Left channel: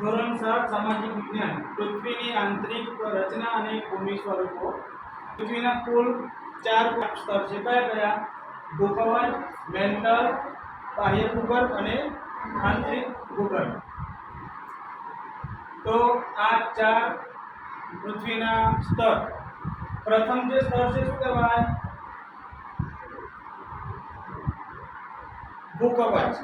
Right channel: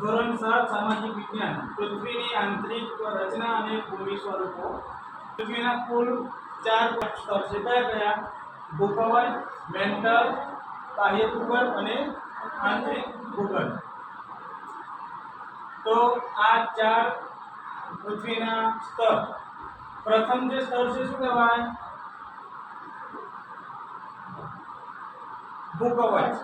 ધોરણ સાત, સામાજિક વિજ્ઞાન, પૃથ્વીની આંતરિક રચના અને ભૂમિ સ્વરૂપો. પૃથ્વીના કુલ ચાર સ્તર છે. કયા કયા? ભૂકવન મેન્ટલ બાહ્ય ભૂગર્ભ અને આંતરિક ભૂગર્ભ. તો આ ચાર પૃથ્વીના સ્તર. પ્રથમ જે સ્તર છે, શું કહેવાય? ભૂકવચ.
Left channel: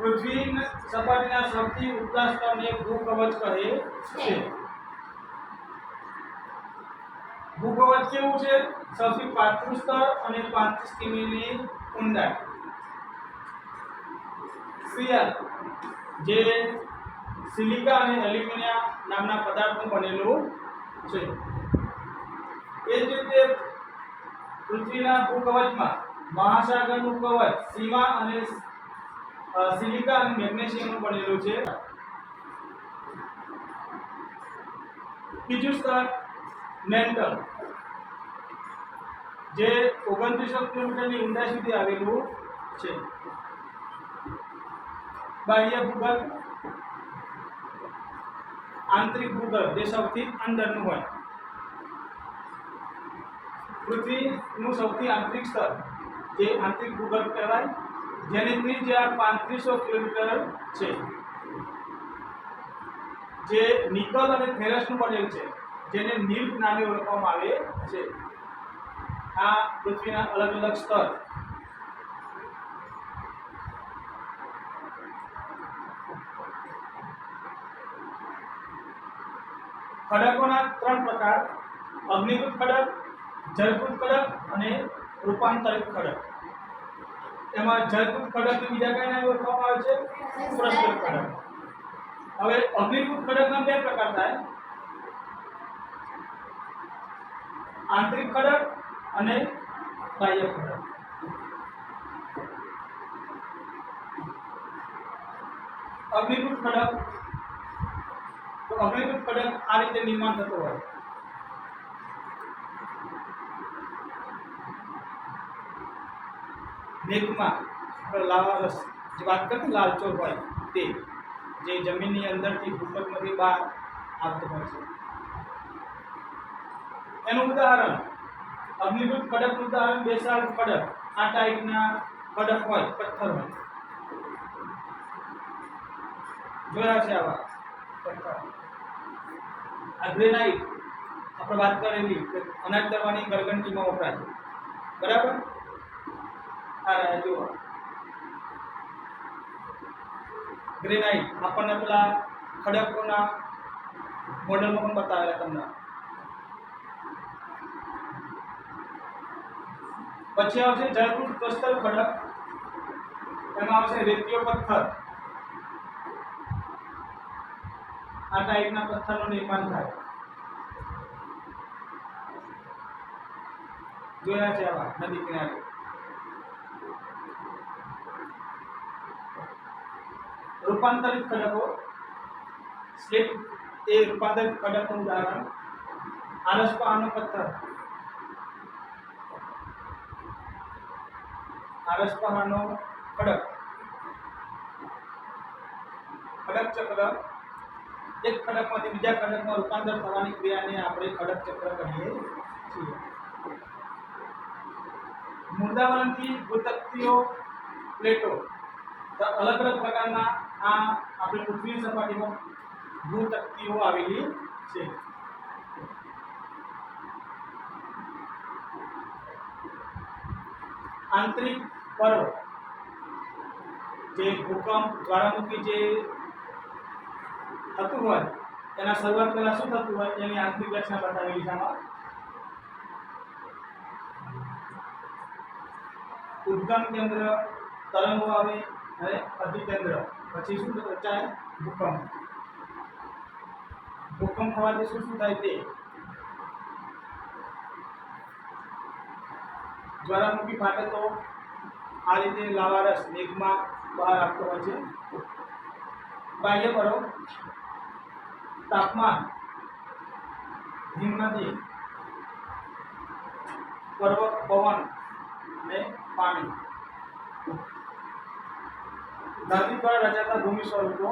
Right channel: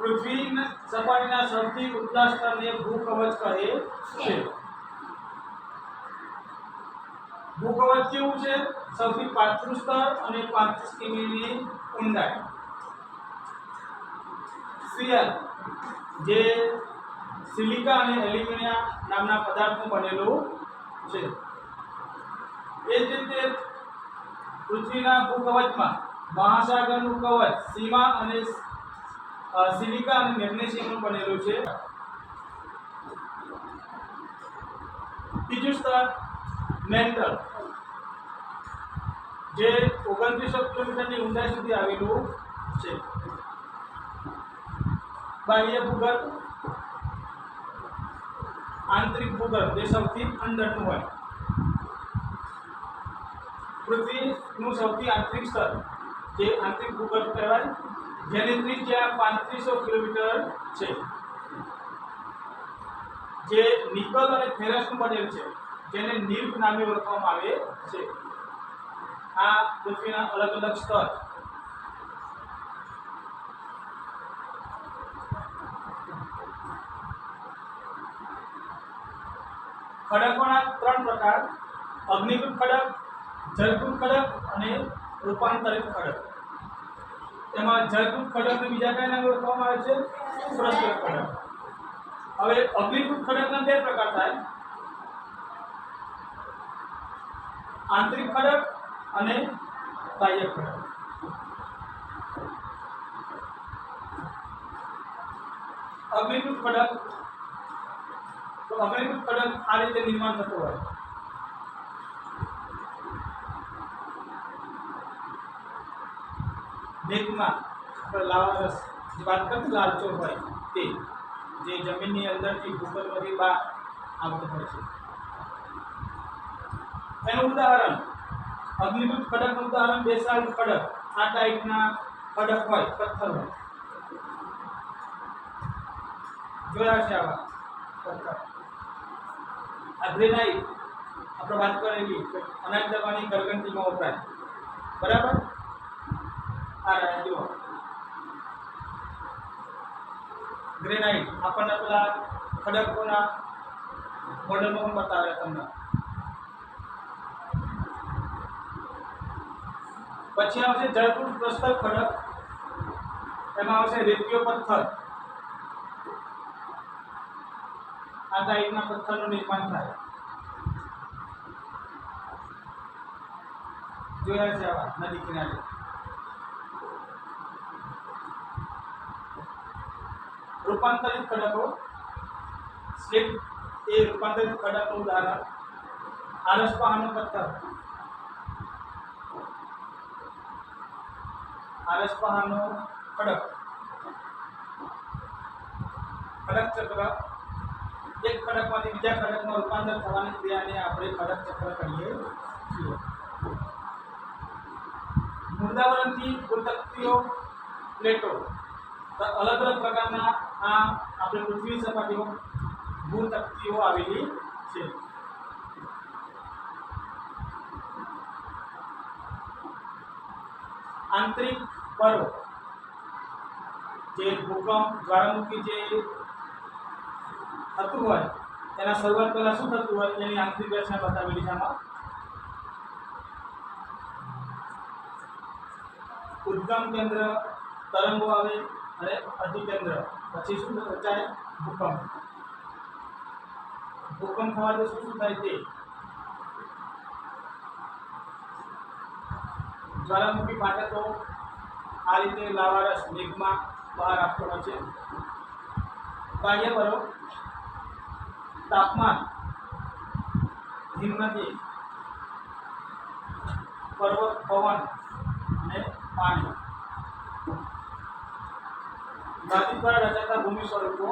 પૃથ્વીના સપાટીના સૌથી ઉપલા સ્તરને ભૂકવચ કહે છે. ભૂકવચ કેવું છે? સૌથી પાતળું સ્તર અને પાંત્રીસ કિમીની ઊંડાઈ. શિયર જે સિલિકા અને એલ્યુમિનિયમ નામના પદાર્થનું બનેલું છે. એ જ રીતે પૃથ્વીના ભૂકવચમાં મહાસાગરનું કવચ, સીમા અને સિલિકા અને મેગ્નેશિયમનું બનેલું છે. બીજું સ્તર મેન્ટલ. જે ઓગણત્રીસો કિલોમીટરની ઊંડાઈ સુધી આવેલું છે. બાહ્ય ભૂગર્ભ, આંતરિક ભૂગર્ભ, જે સૌથી અંદરનું હોય. પૃથ્વીનું સૌથી આંતરિક સ્તર, જે આંતરિક ભૂગર્ભ કહેવાય. જેની ત્રિજ્યા પાંત્રીસો કિલોમીટર છે, જે નિકલ અને ફેરસનું બનેલ છે, જેને નીર્પ નામે ઓળખવામાં આવે છે. આ પૃથ્વીના અલગ અલગ સ્તર. ખડકોના ત્રણ પ્રકાર અગ્નિકૃત ખડક જલકૃત ખડક અને રૂપાંતરિત ખડક. એમાં જલકૃત ખડકને બીજા કઈ નામે ઓળખવામાં આવે છે? પુરસ્કૃત ખડક હવે અગ્નિકૂટ ખડકના બે પ્રકાર થાય. આંતરિક ખડક અને બાહ્ય ખડક અગ્નિકૃત ખડક તો અગ્નિકૃત ખડક આ રીતે નિર્માણ થતો હોય. આપણે લાવારસ જે વાત કરતી લાલચો હોય તે, જે જમીનની અંદરથી ભૂપતમાંથી બહાર આવતો હોય છે. એનું ઉદાહરણ અગ્નિકૃત ખડકનું ઉદાહરણ બેસાડ ખડક, આ ટાઈપના ખડક હોય, પથ્થર હોય. જોયા છે આવા પથ્થર. આ ગ્રેનાઇટ, આપણે વાત કરેલી અનાજ દબાની ગરગંટીમાં વપરાય. બરાબર? આ રહ્યા જુઓ ગ્રેનાઇટ, આપણને પેલા ખડકોના મોડલમાં પણ બતાવે તમને. પછી આવશે જયપુર પ્રસ્તર ખડક, એમાં આવશે રેતીયો પથ્થર. આ ટાઈપના પથ્થરનું નિર્માણ થાય. જોયા છે આવા નદી કિનારે. રૂપાંતરિત ખડકો સ્લીપ એ રૂપાંતરિત ખડકનું ઉદાહરણ, આરસ પહાડનો પથ્થર. આરસ પહાડનો ખડક ખડક ચક્ર, એક ખડકમાંથી બીજા ખડકમાં રૂપાંતર થવાની ક્રિયાને આપણે ખડક ચક્ર કહીએ છીએ. મૃદાવરણથી ભૂતકતીઓ પ્લેટો અલગ અલગ પ્રકારના આ આપણે પૃથ્વી સપાટીમાં ભૂતકતીઓ આવેલી છે. આંતરિક પર્વ જે ભૂકંપ જ્વાળામુખી જે થતું હોય, એના શરૂઆત પહેલાં શું થતું હોય, એની આંતરિક રચના બતાવેલી છે આમાં. ઉદ્ગમ કેન્દ્ર તરંગો આવે અને અધિકેન્દ્ર. પછી શું રચાય ભૂકંપ. ભૂકંપ થવાથી શું શું થાય તે? જ્વાળામુખી ફાટે તો આ રીતે લાવારસ મેઘમાં બહાર આવતો હોય છે. બાહ્ય પરો તાપમાન હિમનદી પર્વત પવન અને પાણી. નદી દ્વારા રચાતા ભૂમિ સ્વરૂપો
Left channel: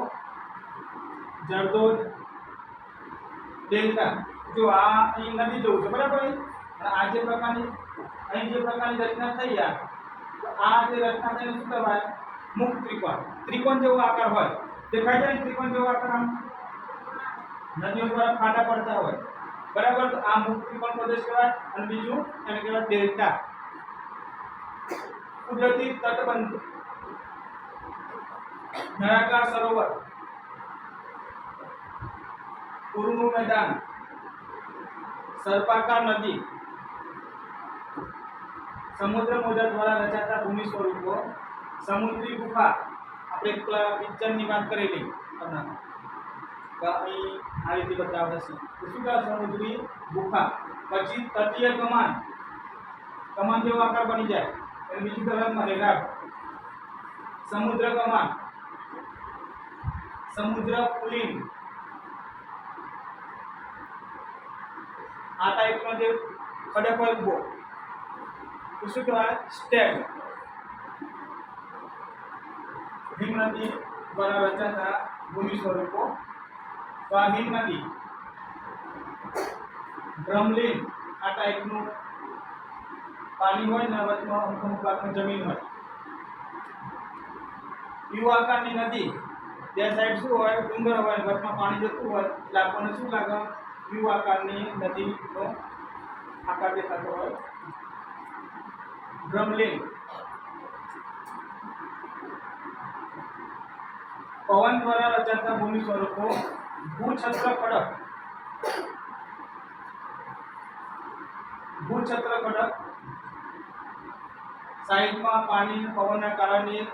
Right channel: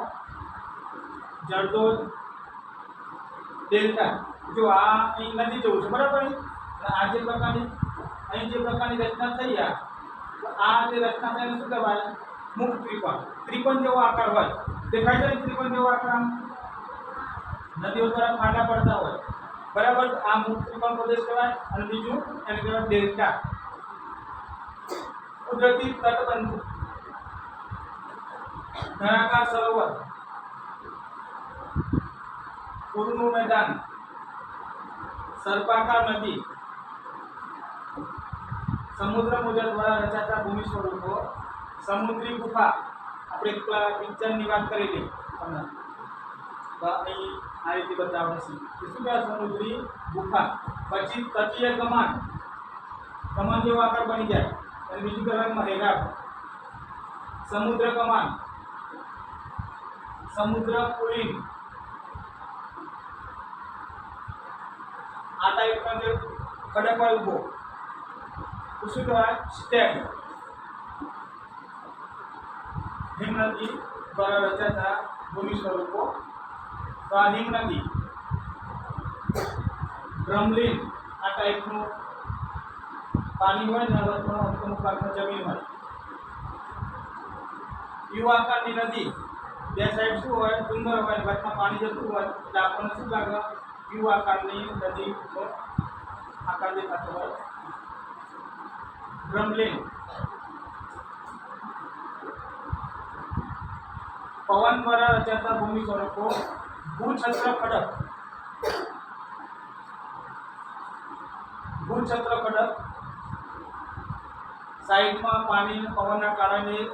જરદોલ ડેલ્ટા, જો આ અહીં નદી જવું છે, બરાબર આ જે પ્રકારની, અહીં જે પ્રકારની રચના થઈ આ આ જે રચના થઈને શું કહેવાય? મુખ ત્રિકોણ. ત્રિકોણ જેવો આકાર હોય. દેખાય છે ને ત્રિકોણ જેવો આકાર આમ? નદીઓ દ્વારા ફાંટા પડતા હોય. બરાબર? આ મુખ ત્રિકોણ પ્રદેશ કહેવાય અને બીજું એને કહેવાય ડેલ્ટા. કુદરતી તટબંધ. નળાકાર સરોવર. પૂરનું મેદાન. સર્પાકાર નદી. સમુદ્ર મોજા દ્વારા રચાતા ભૂમિ સ્વરૂપો. સમુદ્રી ગુફા. આપણે પિક્ચરની વાત કરેલી તમને. અહીં આ રીતે બતાવે છે. કહેવાય સમુદ્રી ગુફા? પછી તટીય કમાન. કમાન જેવો આકાર બની જાય. અને બીજું કહેવાય રેગાટ સમુદ્ર કમાન. સમુદ્ર પુલિન આ ટાઈપના જે ખડક હોય ઊભો શું કહેવાય? સ્ટેગ હિમ નદી દ્વારા રચાતા ભૂમિ સ્વરૂપો. તો આ હિમ નદી ડ્રમલિન આ ટાઈપનું પાણી હોય ને વચમાં અમુક અમુક ભાગમાં જમીન હોય. યુ આકારની નદી બે સાઈડ શું હોય? ડુંગર હોય, વચમાં પાણી જતું હોય, એટલે આપણને શું લાગે? યુ આકારની નદીનો આકાર દેખાતો હોય. ડ્રમલિન. પવન દ્વારા રચાતા ભૂમિ સ્વરૂપો. ભૂછત્ર ખડક. ભૂછત્ર ખડક. સાઈડમાં પાણી પવનના કારણે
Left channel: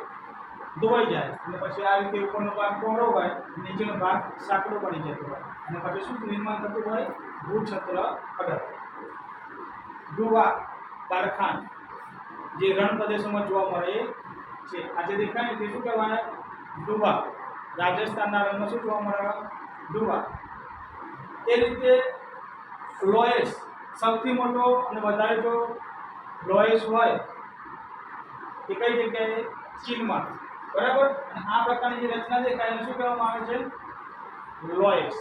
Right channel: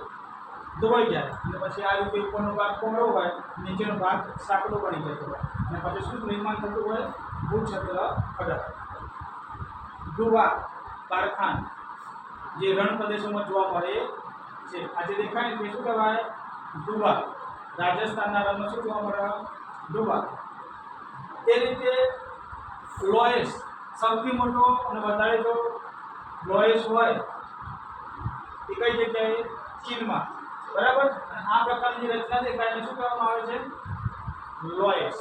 ધોવાઈ જાય. અને પછી આ રીતે ઉપરનો ભાગ પહોળો હોય, નીચેનો ભાગ સાંકડો પડી જતો હોય. અને પછી શું નિર્માણ થતું હોય? ભૂછત્ર ખડક. ડુવા કારખાન. જે રણ પ્રદેશોમાં જોવા મળે છે. આજે દેખાય ને તે શું કહેવાય? ડુવા રાજસ્થાનના રણમાં શું જોવા મળે? ડુવા એ રીતે લોએસ સૌથી મોટો અને વધારે જો લોએસ હોય, એ કઈ જગ્યાએ? ચીનમાં. બરાબર? આ પ્રકારની જે રચના દેખાય એને શું કહેવામાં આવે છે? લોએસ